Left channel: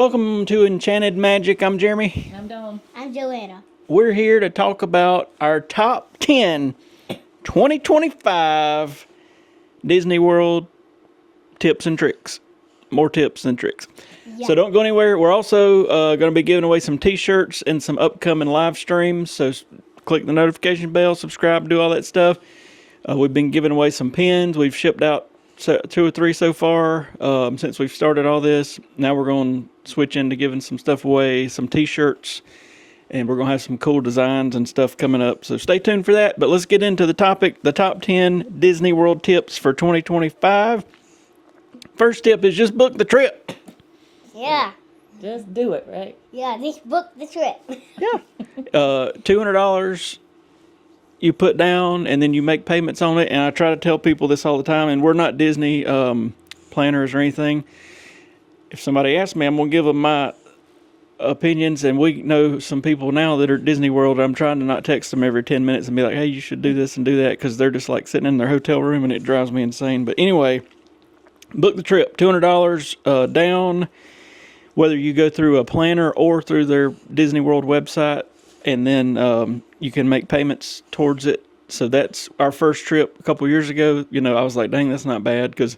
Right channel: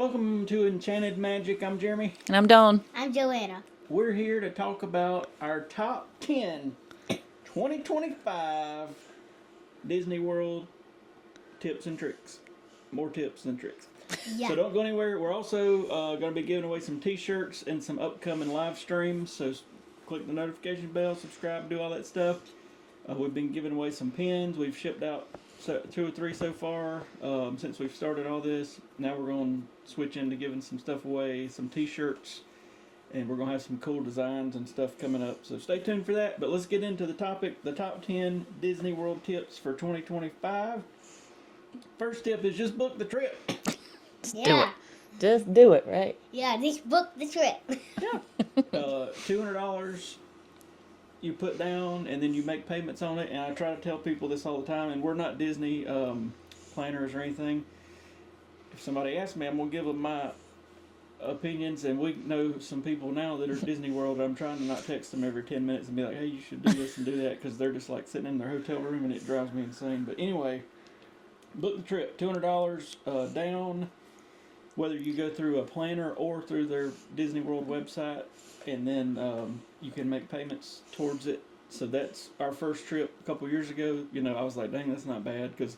Welcome to Enchanted Magic. I'm Jeremy. And I'm Dawn. I'm Joanna. We're here to talk about our top 10 2025 Disney World tips and tricks. More tips than tricks. Yeah. So don't go anywhere. We're also going to be giving away some t-shirts and some upcoming live streams. So click the notification bell, subscribe, do all that stuff. We've been giving away some pins. We've shipped out 2 or 3 so far since we've started all this. Now we're going to switch into giving some stuff away, some t-shirts, and we're going to have some cool designs and stuff coming up. So stay tuned for that. But let's get into the topic, the top 10 Disney World tips for 2025. First tip is just book the trip. Yeah. Just do it, right? Yeah, just book the trip. Yeah. $200 you put down, and then you make payments on it. And I try to tell people this all the time, and we're not Disney planners or anything. If somebody asks me, I'm going to give them my opinions, and we know some people now that are at Disney World. I'm trying to not text them every 10 minutes and be like, hey, you should do this and do that, because they're just like sitting in their hotel room, and it drives me insane. But anyway, book the trip, $200 down, whether you go through a planner or through their Disney World website, and then you can make payments towards it. So that's our first trip a couple years ago. You know, I was like, dang, that's not bad, because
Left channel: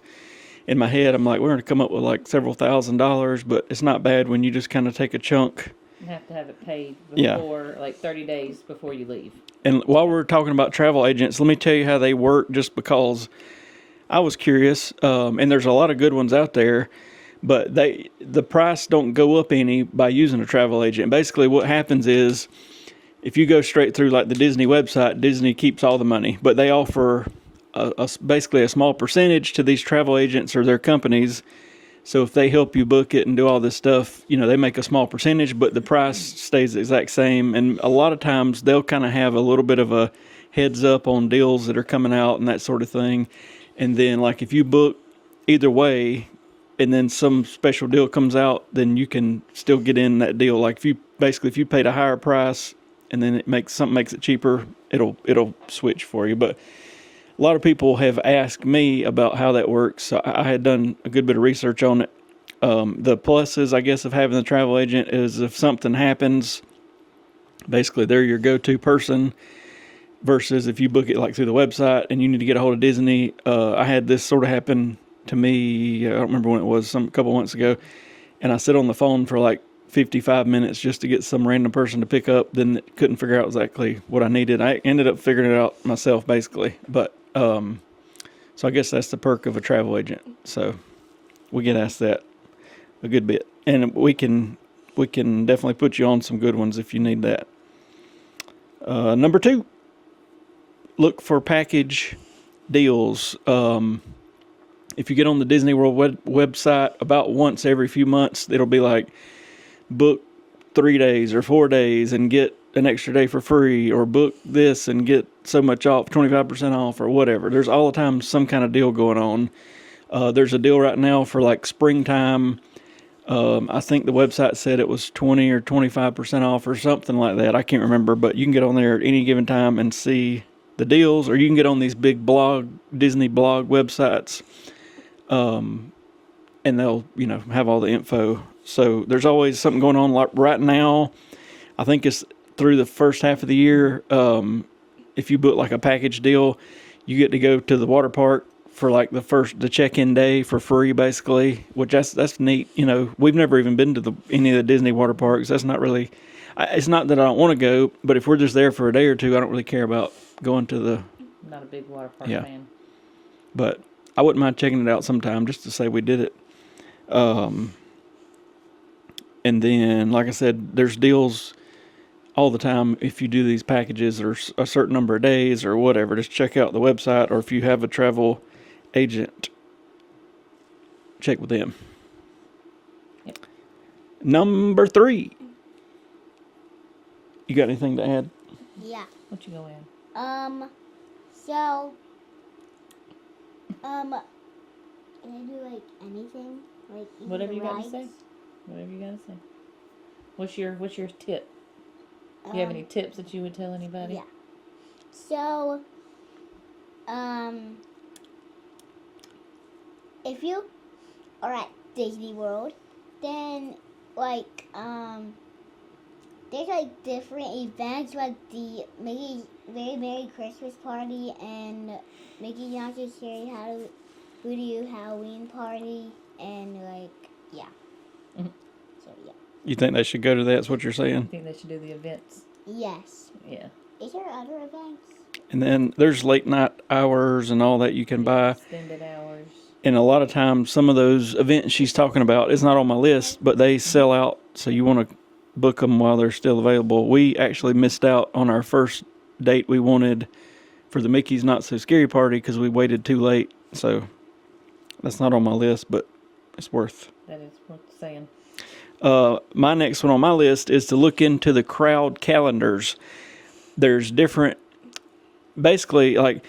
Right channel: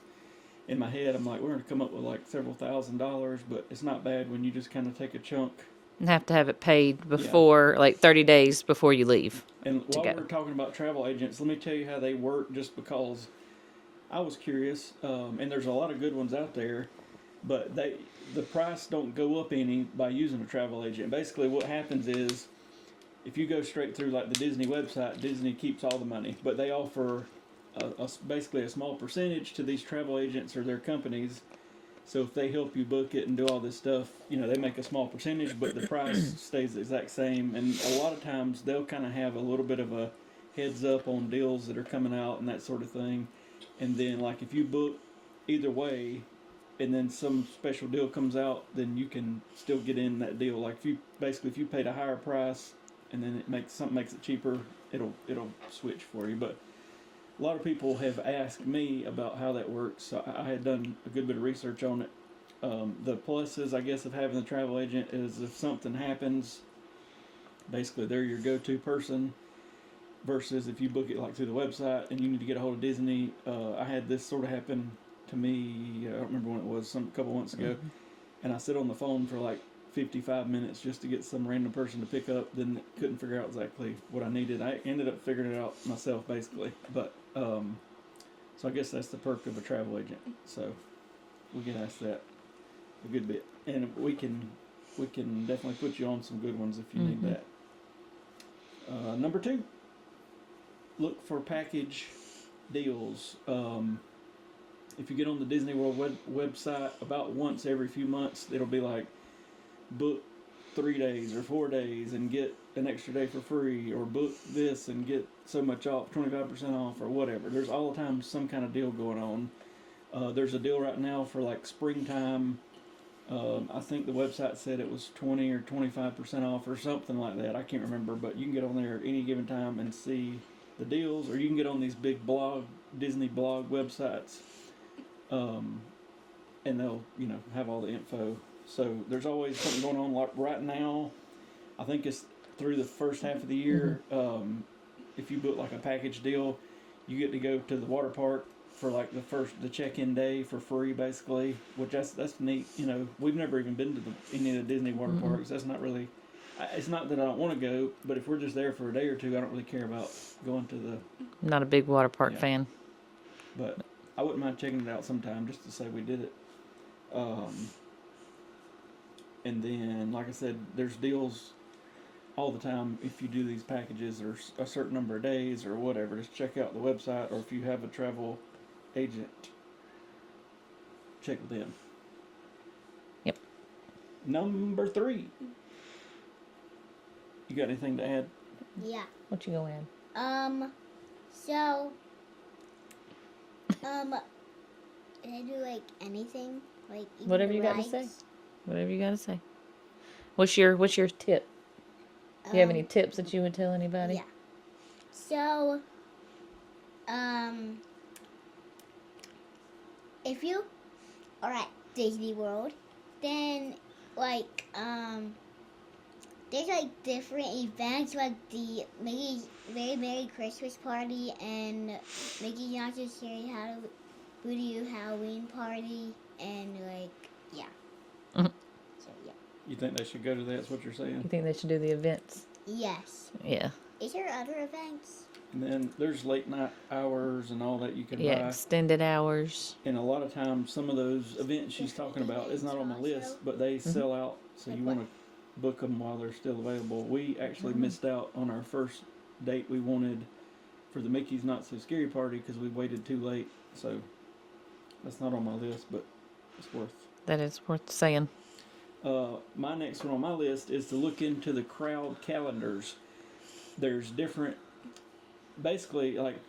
in my head, I'm like, we're going to come up with like several $1,000s, but it's not bad when you just kind of take a chunk. And have to have it paid before, like 30 days before you leave. And while we're talking about travel agents, let me tell you how they work, just because I was curious, and there's a lot of good ones out there, but the price don't go up any by using a travel agent. Basically, what happens is, if you go straight through like the Disney website, Disney keeps all the money, but they offer basically a small percentage to these travel agents or their companies. So if they help you book it and do all this stuff, you know, they make a small percentage, but the price stays the exact same. And a lot of times they'll kind of have a little bit of a heads up on deals that are coming out and that sort of thing. And then like if you book either way and then some special deal comes out, then you can still get in that deal. Like if you paid a higher price and then something makes it cheaper, it'll switch for you. But a lot of people have asked me about how that works. So I had done a good bit of research on it. The pluses, I guess, of having the travel agent is if something happens, basically they're your go-to person, versus if you book it like through the website and you need to get a hold of Disney. I had this sort of happen to me, I don't remember when it was, a couple months ago, and I sit on the phone for like 55 minutes just to get some random person to pick up, then couldn't figure out exactly what I needed. I ended up figuring it out myself, basically. But so I guess that's the perk of a travel agent. So we get asked that a good bit, and we can definitely put you on some good ones if you need that. Number 2, look for package deals. If you get on the Disney World website about once every few months, it'll be like book 3 days or 4 days and get an extra day for free, or book this and get so much off, 25% off, or whatever. There's all the time some kind of deal going on. There's a deal right now for like springtime. I think the website said it was 20 or 25% off or something like that. I can't remember, but you can get on there at any given time and see the deals, or you can get on these big Disney blog websites, and they'll, have all the info. So there's always something going on. Like right now, I think it's through the first half of the year. If you book like a package deal, you get to go to the water park for like the check-in day for free, basically, which that's neat. We've never even been to any of the Disney water parks. That's not really, it's not that I don't want to go, but if we're just there for a day or two, I don't really care about going to the. Not a big water park fan. But I wouldn't mind checking it out sometime just to say we did it. And then, like I said, there's deals all the time if you do these packages or a certain number of days or whatever. Just check out the website, or if you have a travel agent, check with them. Yep. Number 3. You got anything to add? Yeah. What you gonna add? So, can I do like anything? Like even Whatever you rides? gotta say. Whatever you gotta say. What's your tip? Do you have any tips that you would tell anybody? Yeah. So, if you are at Disney World, then like there's like different events like the Mickey Very Merry Christmas Party and Mickey Mouse's Scary Voodoo Halloween Party and like yeah. Mhm. So yeah. You think they should go to that? That's what you're I saying? think they should do the events. Yes. Yeah. Is there other events? And then there's late night hours and all that you can Yeah, buy. extended hours. And a lot of times, some of those events she's talking about is not on my list, but they sell out. So you want to book them while they're still available. We actually missed out on our first date we wanted for the Mickey's Not So Scary Party because we waited too late. So that's not on my list, but it's worth. That is worth saying. My next one on my list is to look into the crowd calendars. There's different, basically, like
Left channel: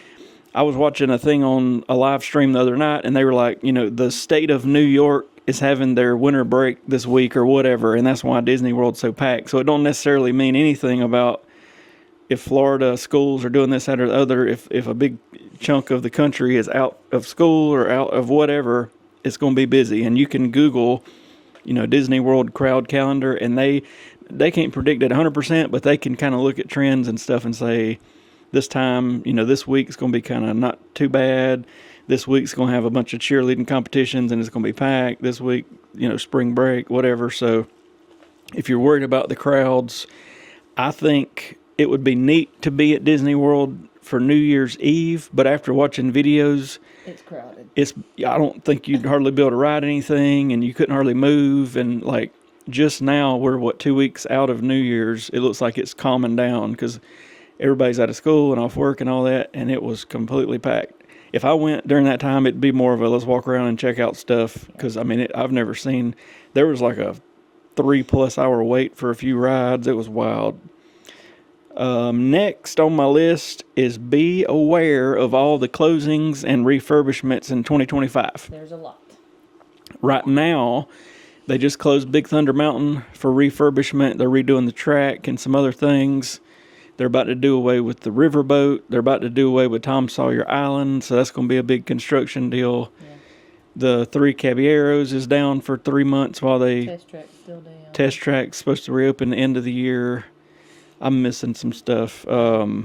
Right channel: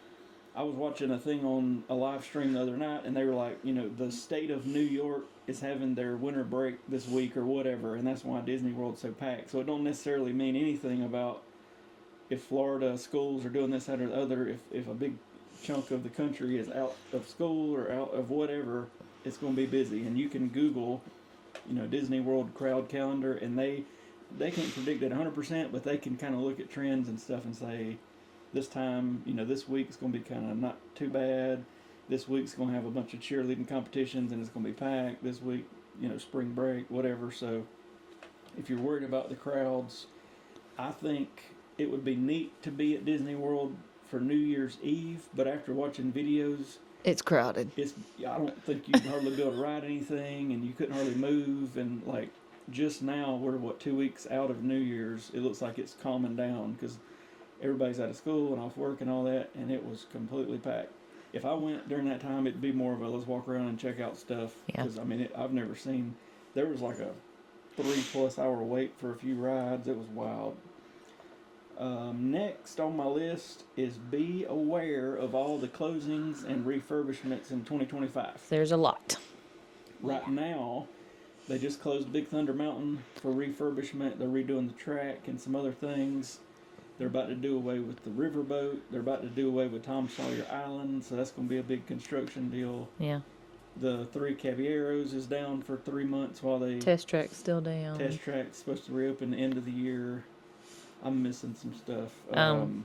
I was watching a thing on a live stream the other night, and they were like, the state of New York is having their winter break this week or whatever, and that's why Disney World's so packed. So it don't necessarily mean anything about if Florida schools are doing this, that, or the other. If a big chunk of the country is out of school or out of whatever, it's going to be busy. And you can Google, Disney World crowd calendar, and they can't predict it 100%, but they can kind of look at trends and stuff and say, this time, this week's going to be kind of not too bad. This week's going to have a bunch of cheerleading competitions and it's going to be packed. This week, spring break, whatever. So if you're worried about the crowds, I think it would be neat to be at Disney World for New Year's Eve, but after watching videos, It's crowded. I don't think you'd hardly be able to ride anything, and you couldn't hardly move. And like just now, we're 2 weeks out of New Year's. It looks like it's calming down because everybody's out of school and off work and all that, and it was completely packed. If I went during that time, it'd be more of a let's walk around and check out stuff because I've never seen. There was like a 3+ hour wait for a few rides. It was wild. Next on my list is be aware of all the closings and refurbishments in 2025. There's a lot. Right now, they just closed Big Thunder Mountain for refurbishment. They're redoing the track and some other things. They're about to do away with the riverboat. They're about to do away with Tom Sawyer Island, so that's going to be a big construction deal. Yeah. The Three Caballeros is down for 3 months while they... Test track's still down. Test track's supposed to reopen the end of the year. I'm missing some stuff. Got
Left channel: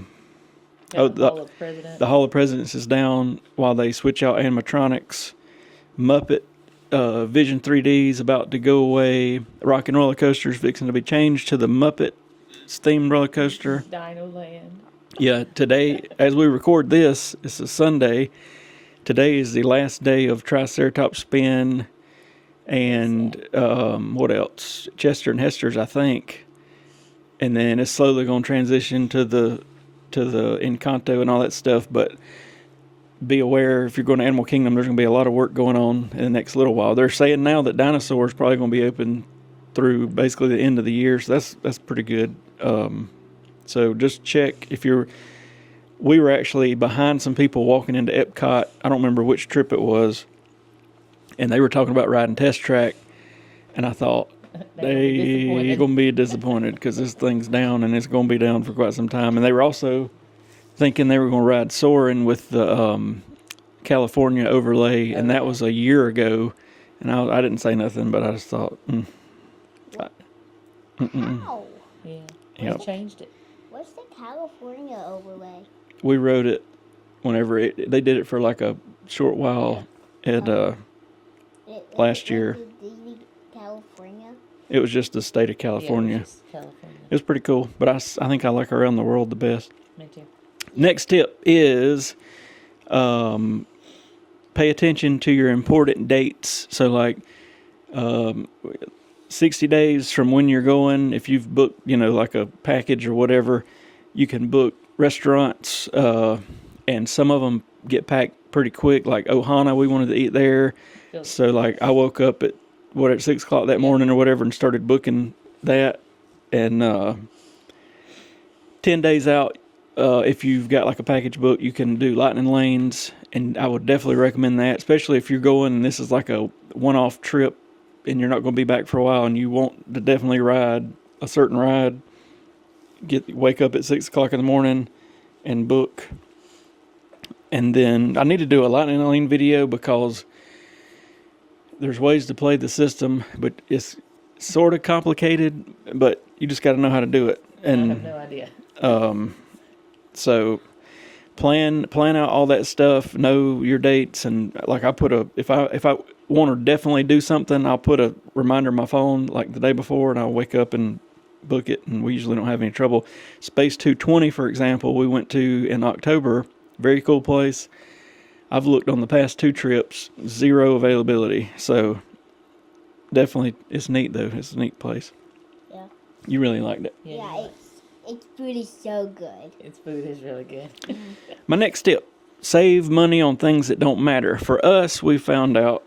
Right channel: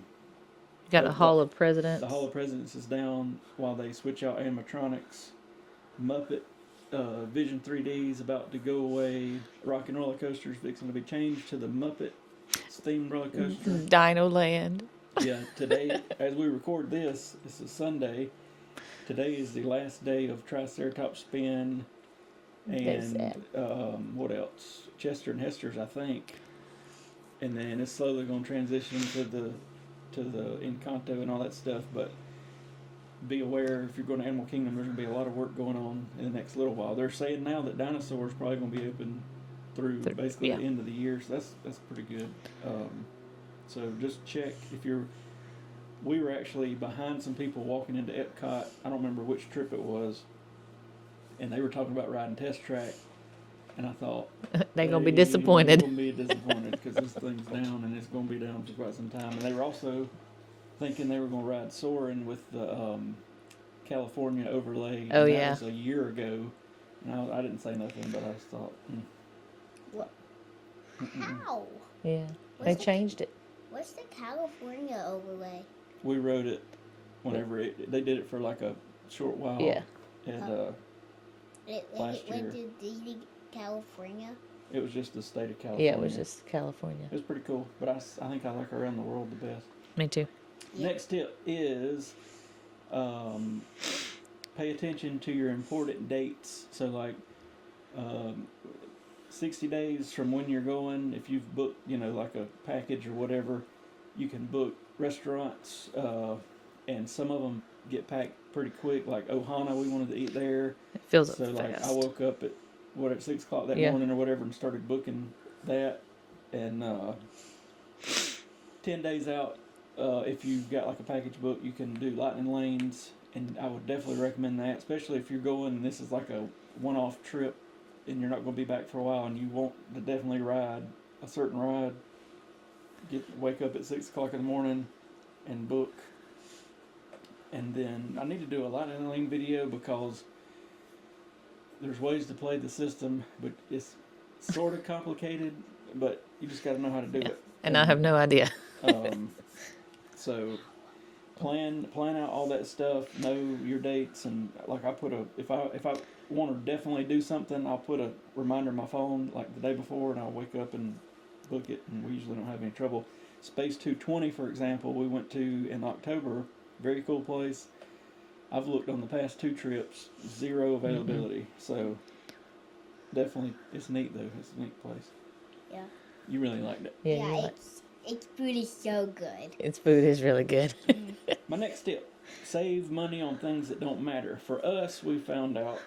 the Hall of Presidents. The Hall of Presidents is down while they switch out animatronics. Muppet Vision 3D is about to go away. Rock and Roller Coaster is fixing to be changed to the Muppet themed roller coaster. Dino Land. Yeah, today, as we record this, it's a Sunday. Today is the last day of Triceratops Spin and what else? Chester and Hester's, I think. And then it's slowly going to transition to the Encanto and all that stuff. But be aware, if you're going to Animal Kingdom, there's going to be a lot of work going on in the next little while. They're saying now that Dinosaur's probably going to be open through basically the end of the year, so that's pretty good. So just check if you're. We were actually behind some people walking into Epcot. I don't remember which trip it was, and they were talking about riding Test Track, and I thought They're going to be disappointed. They're going to be disappointed because this thing's down and it's going to be down for quite some time. And they were also thinking they were going to ride Soarin' with the California overlay, and that was a year ago. And I didn't say nothing, but I just thought. How? Yeah. Yep. They changed it. What's the California overlay? We rode it whenever they did it for like a short while at last year. Like Disney California? It was just the state of California. Yeah, it was just California. It was pretty cool, but I think I like Around the World the best. Me too. Next tip is pay attention to your important dates. So like 60 days from when you're going, if you've booked, like a package or whatever, you can book restaurants, and some of them get packed pretty quick. Like Ohana, we wanted to eat there. So like I woke up at 6 o'clock that morning or whatever and started booking that. And 10 days out, if you've got like a package book, you can do Lightning Lanes, and I would definitely recommend that, especially if you're going and this is like a one-off trip and you're not going to be back for a while and you want to definitely ride a certain ride. Wake up at 6 o'clock in the morning and book. And then I need to do a Lightning Lane video because there's ways to play the system, but it's sort of complicated, but you just got to know how to do it. And I have no idea. So plan out all that stuff, know your dates, and like I put if I want to definitely do something, I'll put a reminder on my phone like the day before, and I'll wake up and book it, and we usually don't have any trouble. Space 220, for example, we went to in October. Very cool place. I've looked on the past 2 trips, 0 availability. So definitely, it's neat though. It's a neat place. Yeah. You really liked it. Yeah, its food is so good. Its food is really good. My next tip: save money on things that don't matter. For us, we found out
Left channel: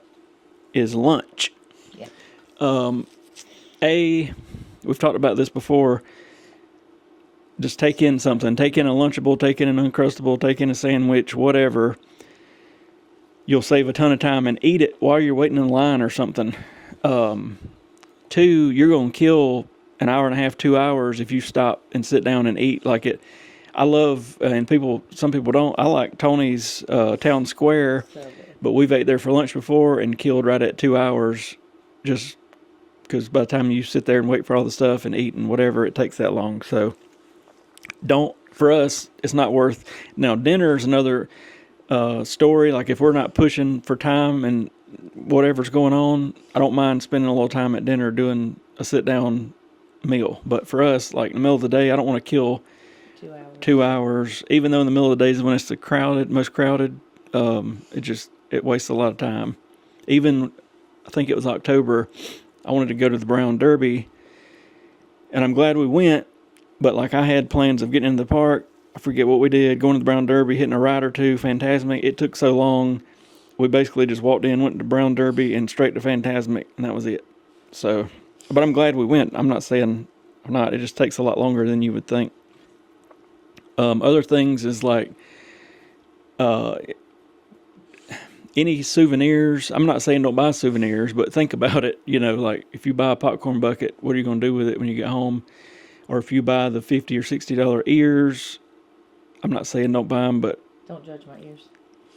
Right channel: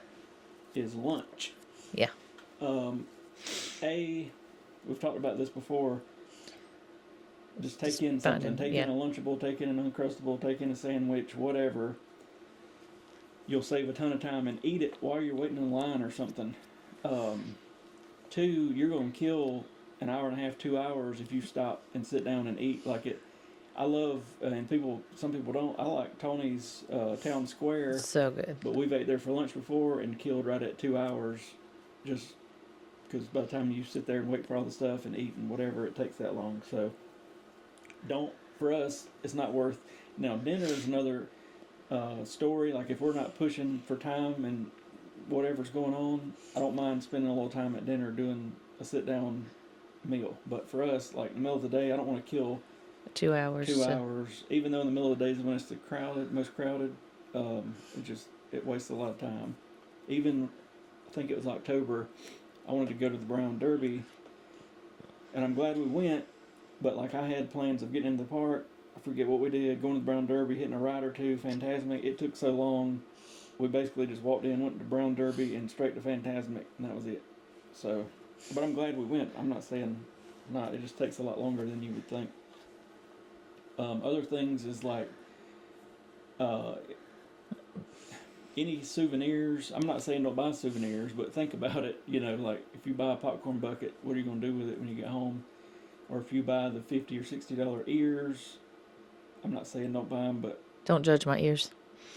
is lunch. Yeah. We've talked about this before. Just take in something. Take in a Lunchable, take in an Uncrustable, take in a sandwich, whatever. You'll save a ton of time and eat it while you're waiting in line or something. 2, you're going to kill an hour and a half, 2 hours if you stop and sit down and eat like it. I love, and some people don't, I like Tony's Town Square. So good. But we've ate there for lunch before and killed right at 2 hours just because by the time you sit there and wait for all the stuff and eat and whatever, it takes that long. So for us, it's not worth. Now, dinner is another story. Like if we're not pushing for time and whatever's going on, I don't mind spending a little time at dinner doing a sit down meal. But for us, like in the middle of the day, I don't want to kill 2 hours. 2 hours, even though in the middle of the days when it's the most crowded, it wastes a lot of time. Even, I think it was October, I wanted to go to the Brown Derby, and I'm glad we went, but like I had plans of getting into the park. I forget what we did, going to the Brown Derby, hitting a ride or two, Fantasmic. It took so long, we basically just walked in, went to Brown Derby, and straight to Fantasmic, and that was it. So, but I'm glad we went. I'm not saying I'm not. It just takes a lot longer than you would think. Other things is like any souvenirs. I'm not saying don't buy souvenirs, but think about it. You know, like if you buy a popcorn bucket, what are you going to do with it when you get home? Or if you buy the $50 or $60 ears, I'm not saying don't buy them, but Don't judge my ears.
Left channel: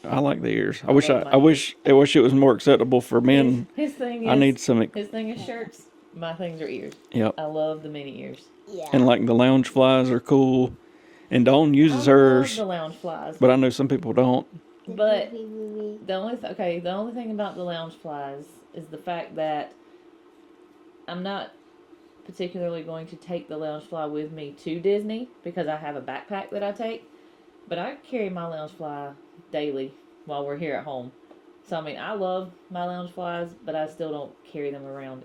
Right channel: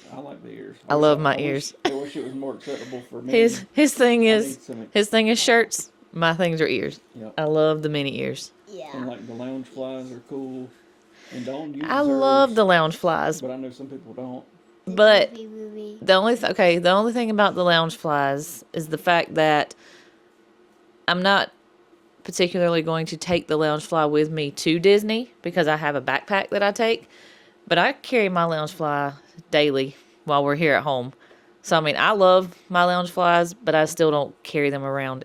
I like the ears. I love my ears. I wish it was more acceptable for men. His thing is I need some. his thing is shirts. My things are ears. Yep. I love the mini ears. Yeah. And like the lounge flies are cool. And Dawn uses I hers. love the lounge flies. But I know some people don't. But the only thing about the lounge flies is the fact that I'm not particularly going to take the lounge fly with me to Disney because I have a backpack that I take, but I carry my lounge fly daily while we're here at home. So I mean, I love my lounge flies, but I still don't carry them around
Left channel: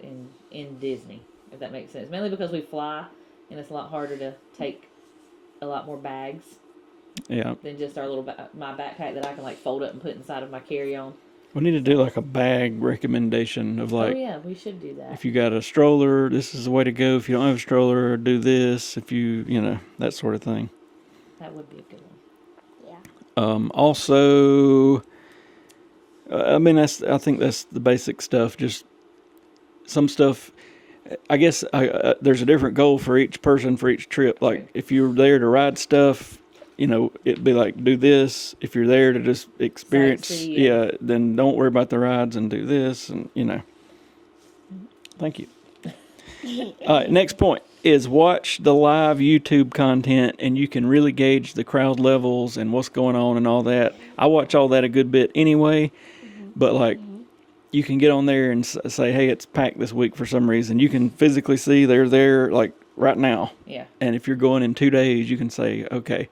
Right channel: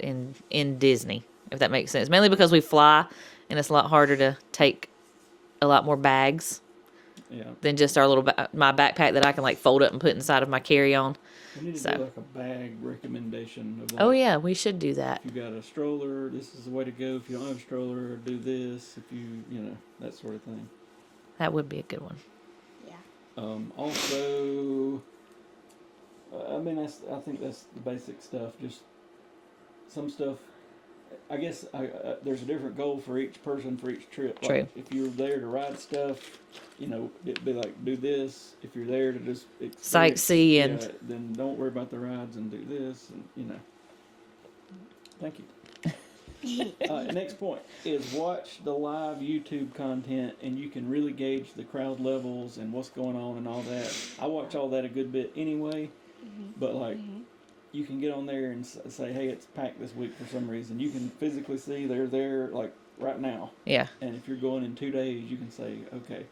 in Disney, if that makes sense. Mainly because we fly and it's a lot harder to take a lot more bags. Yeah. Than just our little my backpack that I can like fold up and put inside of my carry-on. We need to do like a bag recommendation of like. Oh yeah, we should do that. If you got a stroller, this is the way to go. If you don't have a stroller, do this. If you that sort of thing. That would be a good one. Yeah. Also, I think that's the basic stuff. Just some stuff. I guess there's a different goal for each person for each trip. Like True. if you're there to ride stuff, it'd be like do this. If you're there to just experience, sightsee then don't worry about the rides and do this, and Thank you. Next point is watch the live YouTube content, and you can really gauge the crowd levels and what's going on and all that. I watch all that a good bit anyway, but like. You can get on there and say, hey, it's packed this week for some reason. You can physically see they're there like right now. Yeah. And if you're going in 2 days, you can say, okay,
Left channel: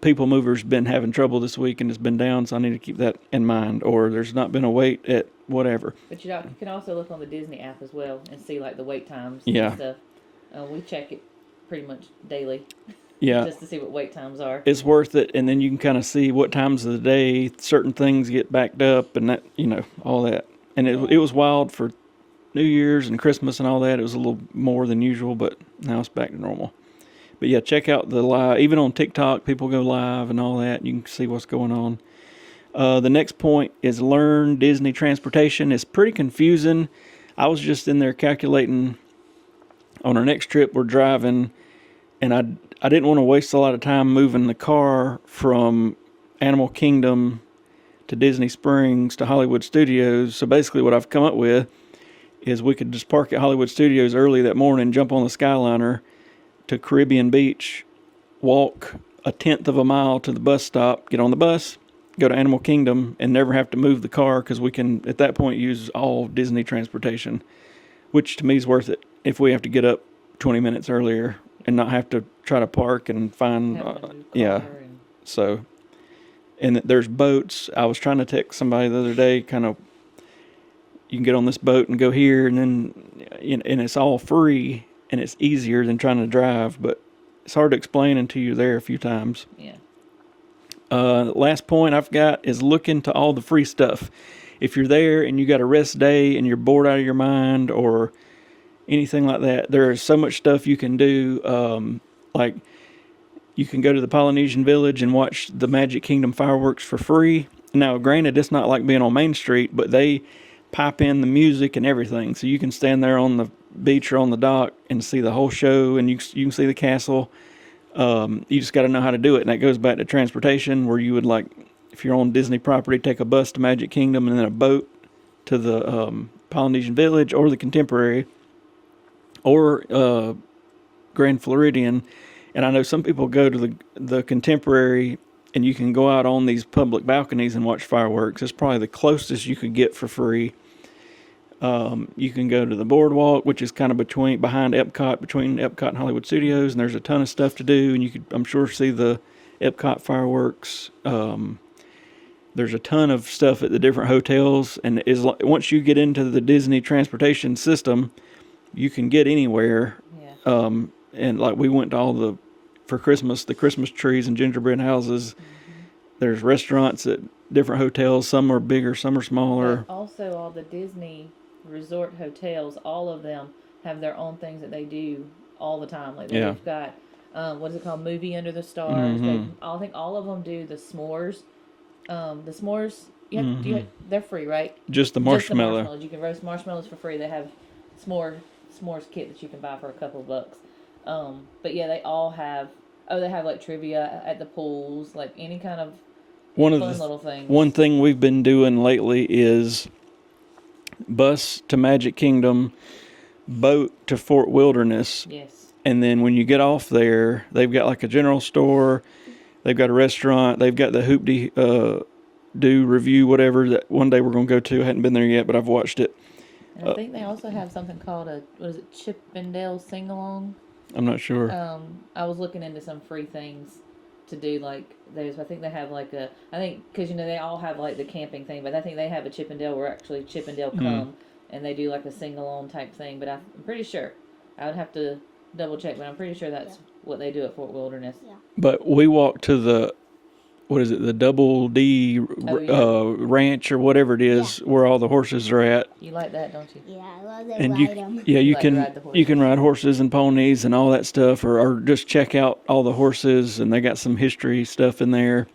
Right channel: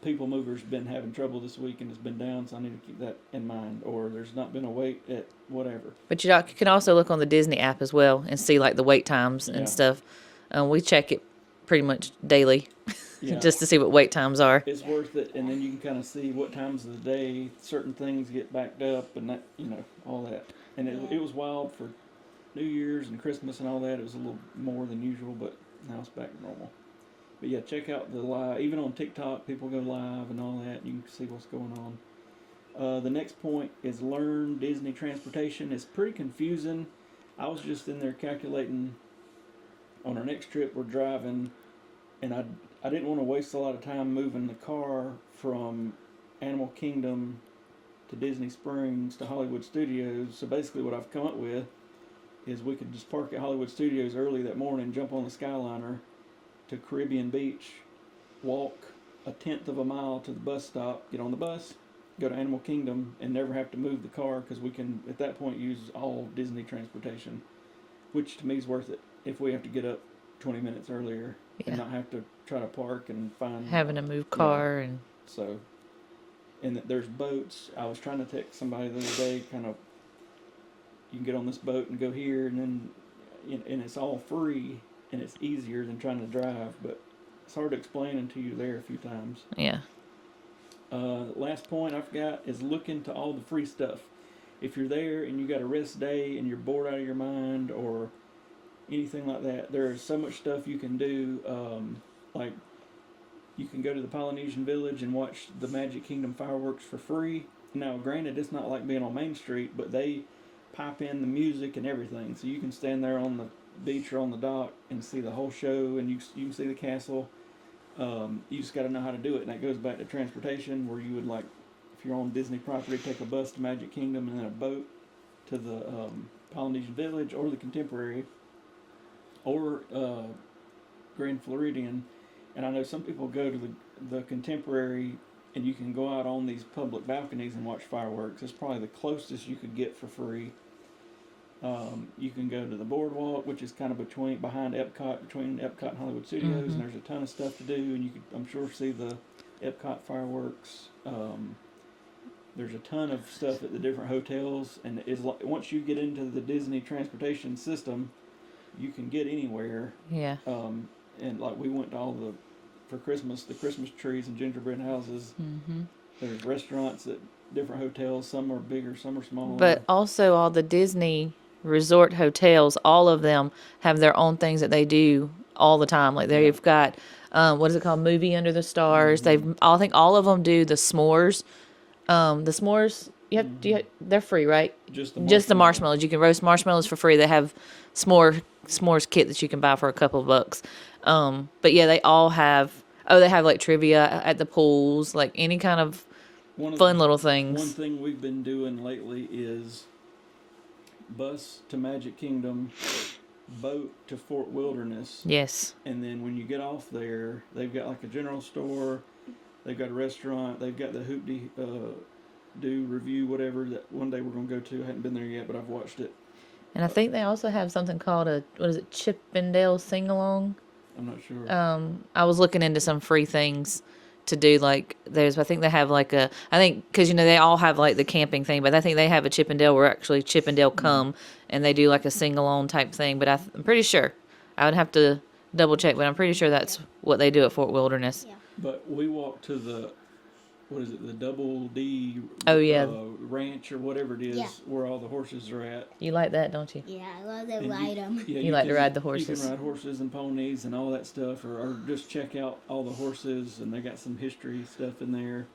People Mover's been having trouble this week and it's been down, so I need to keep that in mind. Or there's not been a wait at whatever. But you can also look on the Disney app as well and see like the wait times and stuff. We check it pretty much daily. Yeah. Just to see what wait times are. It's worth it, and then you can kind of see what times of the day certain things get backed up and that, all that. And it was wild for New Year's and Christmas and all that. It was a little more than usual, but now it's back to normal. But yeah, check out the live. Even on TikTok, people go live and all that. And you can see what's going on. The next point is learn Disney transportation. It's pretty confusing. I was just in there calculating on our next trip. We're driving, and I didn't want to waste a lot of time moving the car from Animal Kingdom to Disney Springs to Hollywood Studios. So basically what I've come up with is we could just park at Hollywood Studios early that morning, jump on the Skyliner to Caribbean Beach, walk a tenth of a mile to the bus stop, get on the bus, go to Animal Kingdom, and never have to move the car because we can, at that point, use all Disney transportation, which to me is worth it if we have to get up 20 minutes earlier and not have to try to park and find... Having to move car and... So, and there's boats. I was trying to text somebody the other day, kind of, you can get on this boat and go here, and then, and it's all free, and it's easier than trying to drive, but it's hard to explain until you're there a few times. Yeah. Last point I've got is look into all the free stuff. If you're there and you got a rest day and you're bored out of your mind or anything like that, there is so much stuff you can do. Like you can go to the Polynesian Village and watch the Magic Kingdom fireworks for free. Now, granted, it's not like being on Main Street, but they pipe in the music and everything. So you can stand there on the beach or on the dock and see the whole show, and you can see the castle. You just got to know how to do it. And that goes back to transportation, where you would, like, if you're on Disney property, take a bus to Magic Kingdom and then a boat to the Polynesian Village or the Contemporary or Grand Floridian. And I know some people go to the Contemporary, and you can go out on these public balconies and watch fireworks. It's probably the closest you could get for free. You can go to the boardwalk, which is kind of behind Epcot, between Epcot and Hollywood Studios, and there's a ton of stuff to do, and you could, I'm sure, see the Epcot fireworks. There's a ton of stuff at the different hotels, and once you get into the Disney transportation system, you can get anywhere. Yeah. And like we went to for Christmas, the Christmas trees and gingerbread houses. Mm-hmm. There's restaurants at different hotels. Some are bigger, some are smaller. But also all the Disney resort hotels, all of them have their own things that they do all the time. Like they've got, what is it called? Movie Under the Stars. Mm-hmm. I think all of them do the s'mores. They're free, right? Just the marshmallows. You can roast marshmallows for free. They have s'mores kit that you can buy for a couple of bucks. But yeah, they all have, they have like trivia at the pools, like any kind of fun little things. One thing we've been doing lately is bus to Magic Kingdom, boat to Fort Wilderness. Yes. And then when you get off there, they've got like a general store, they've got a restaurant, they've got the Hoop-Dee-Doo review, whatever, that one day we're going to go to. I hadn't been there yet, but I've watched it. And I think they also have something called Chip and Dale Sing-Along? I'm not sure. I was looking into some free things to do. Like I think they have because they all have like the camping thing, but I think they have a Chip and Dale where actually Chip and Dale come and they do like a sing-along type thing. But I'm pretty sure, I would have to double check, but I'm pretty sure that's what they do at Fort Wilderness. Yeah. But we walked to the Double D ranch or whatever it is, where all the horses are at. You like that, don't you? Yeah, I love to ride them. Yeah, you can ride the horses. You can ride horses and ponies and all that stuff, or just check out all the horses, and they got some history stuff in there.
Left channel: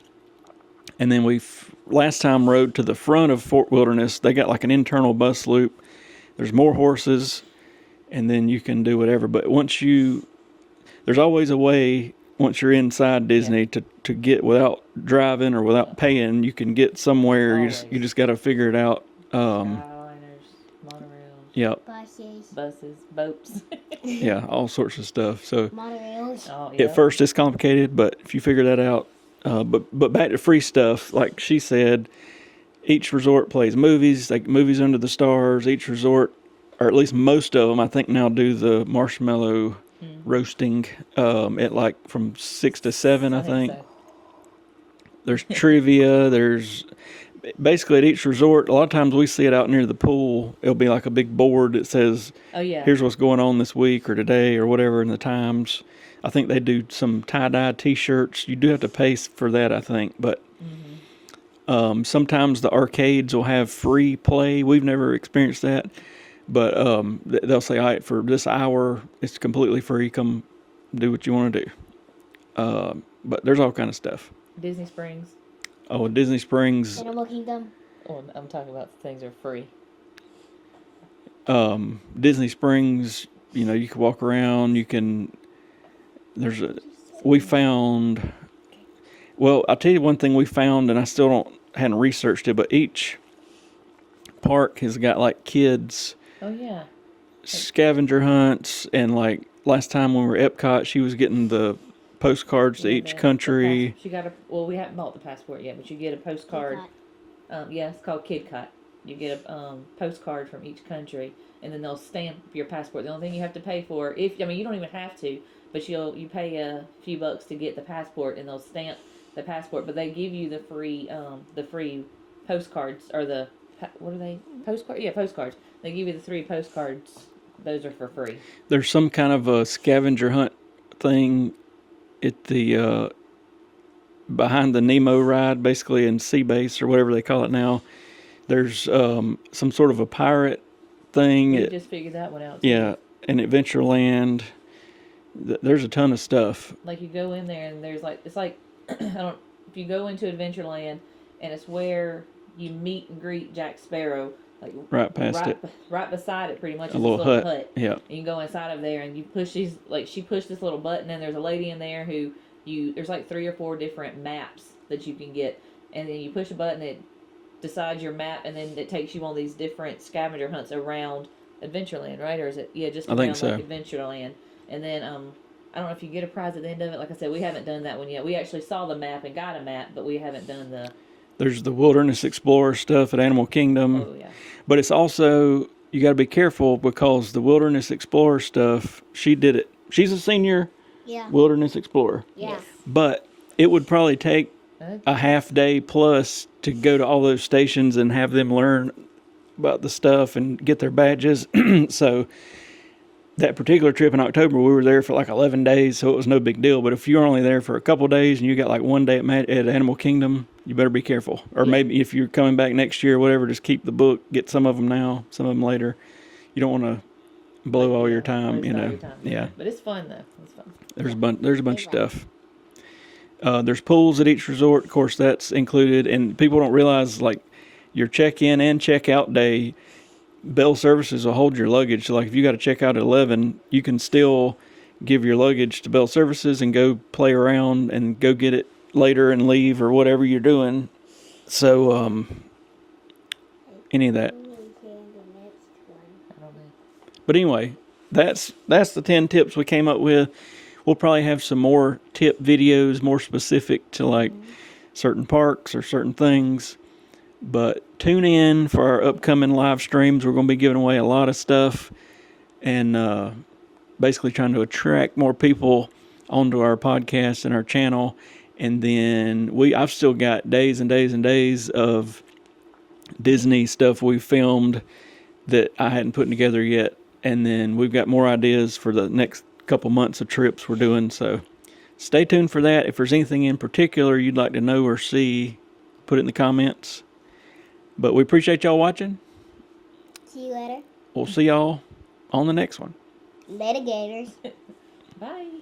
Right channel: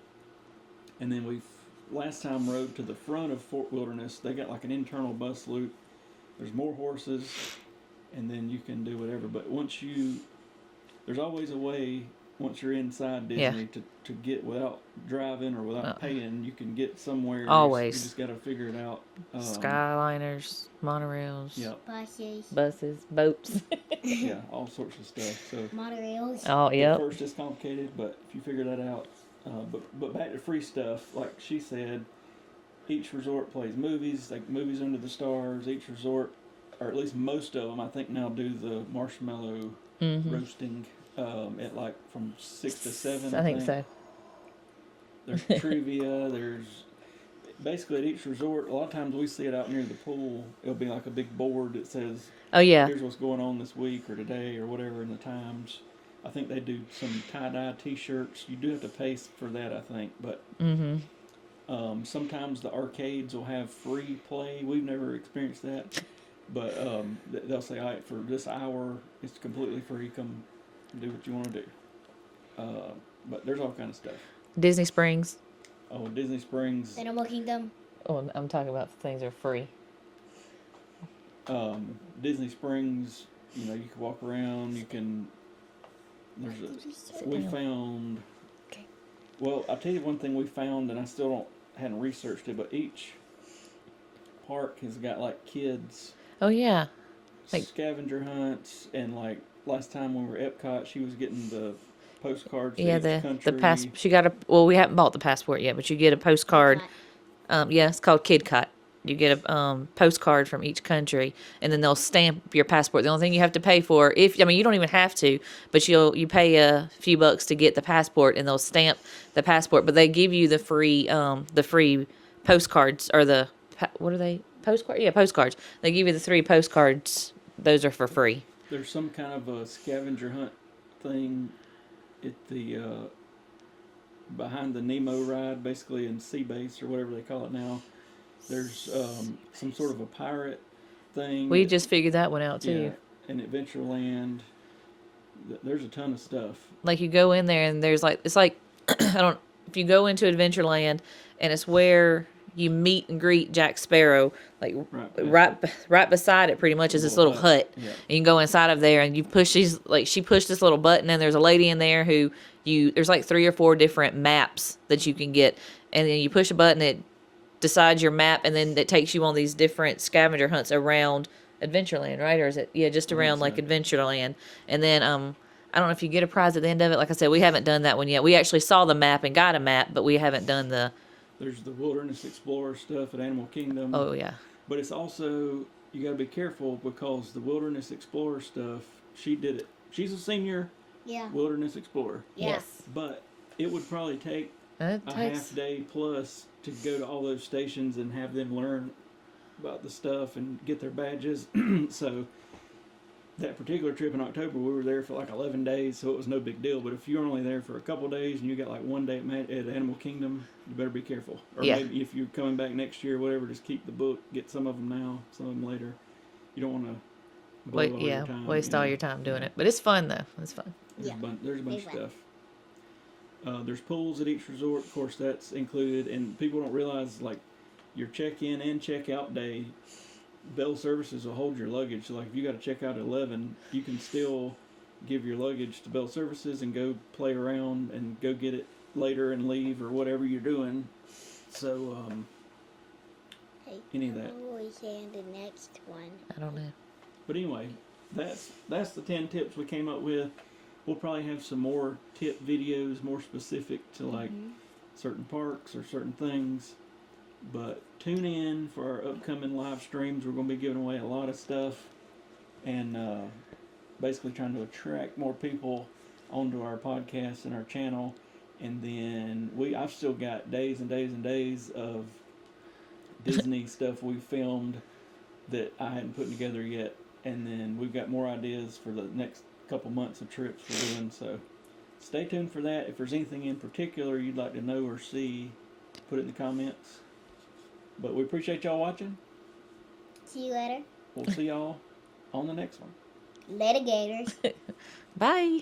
And then we last time rode to the front of Fort Wilderness. They got like an internal bus loop. There's more horses, and then you can do whatever. But there's always a way. Once you're inside Disney, to get without driving or without paying, you can get somewhere. Always. You just got to figure it out. Skyliners, monorails. Yep. Buses, boats. Yeah, all sorts of stuff. So monorails. Oh, yeah. At first it's complicated, but if you figure that out, but back to free stuff, like she said, each resort plays movies, like Movies Under the Stars. Each resort, or at least most of them, I think now do the marshmallow roasting at like from 6 to 7, I think. So. There's trivia. There's basically at each resort. A lot of times we see it out near the pool. It'll be like a big board that says, "Oh yeah, here's what's going on this week or today or whatever in the times." I think they do some tie-dye T-shirts. You do have to pay for that, I think, but sometimes the arcades will have free play. We've never experienced that. But they'll say, all right, for this hour, it's completely free. Come do what you want to do. But there's all kind of stuff. Disney Springs. Oh, Disney Springs. Animal Kingdom. Oh, I'm talking about things that are free. Disney Springs, you can walk around. We found, well, I'll tell you one thing we found, and I still hadn't researched it, but each park has got like kids Oh yeah. scavenger hunts, and like last time when we were at Epcot, she was getting the postcards to Yeah, each the country. she got a well. We haven't bought the passport yet, but you get a postcard. Epcot. Yeah, it's called Kid Cut. You get a postcard from each country, and then they'll stamp your passport. The only thing you have to pay for, you don't even have to, but you pay a few bucks to get the passport, and they'll stamp the passport. But they give you the free postcards, or what are they, postcards? Yeah, postcards. They give you the 3 postcards. Those are for free. There's some kind of a scavenger hunt thing at the behind the Nemo ride, basically in Sea Base or whatever they call it now. There's some sort of a pirate thing. We just figured that one out too. Yeah, in Adventureland. There's a ton of stuff. Like you go in there and there's it's like if you go into Adventureland, and it's where you meet and greet Jack Sparrow, like right past it. Right beside it pretty much is this little hut. Yeah. And you can go inside of there and you push she pushed this little button, and there's a lady in there who there's like 3 or 4 different maps that you can get, and then you push a button, it decides your map, and then it takes you on these different scavenger hunts around Adventureland, right? Or is it just around like Adventureland? And then I don't know if you get a prize at the end of it. Like I said, we haven't done that one yet. We actually saw the map and got a map, but we haven't done There's the Wilderness Explorer stuff at Animal Kingdom. Oh yeah. But it's also, you got to be careful, because the Wilderness Explorer stuff, she did it. She's a senior Wilderness Explorer. Yes. But it would probably take a half day plus to go to all those stations and have them learn about the stuff and get their badges. So that particular trip in October, we were there for like 11 days, so it was no big deal. But if you're only there for a couple of days and you got like one day at Animal Kingdom, you better be careful. Or maybe if you're coming back next year or whatever, just keep the book, get some of them now, some of them later. You don't want to blow all your time. Waste all your time doing it. But it's fun though. It's fun. There's a bunch of stuff. There's pools at each resort. Of course, that's included. And people don't realize, like, your check-in and check-out day, Bell Services will hold your luggage. So, like, if you got to check out at 11, you can still give your luggage to Bell Services and go play around and go get it later and leave or whatever you're doing. So, any of that. The next one. I don't know. But anyway, that's the 10 tips we came up with. We'll probably have some more tip videos, more specific to like certain parks or certain things. But tune in for our upcoming live streams. We're going to be giving away a lot of stuff and basically trying to attract more people onto our podcast and our channel. And then I've still got days and days and days of Disney stuff we filmed that I hadn't put together yet. And then we've got more ideas for the next couple months of trips we're doing. So stay tuned for that. If there's anything in particular you'd like to know or see, put it in the comments. But we appreciate y'all watching. See you later. We'll see y'all on the next one. Later, Gators. Bye.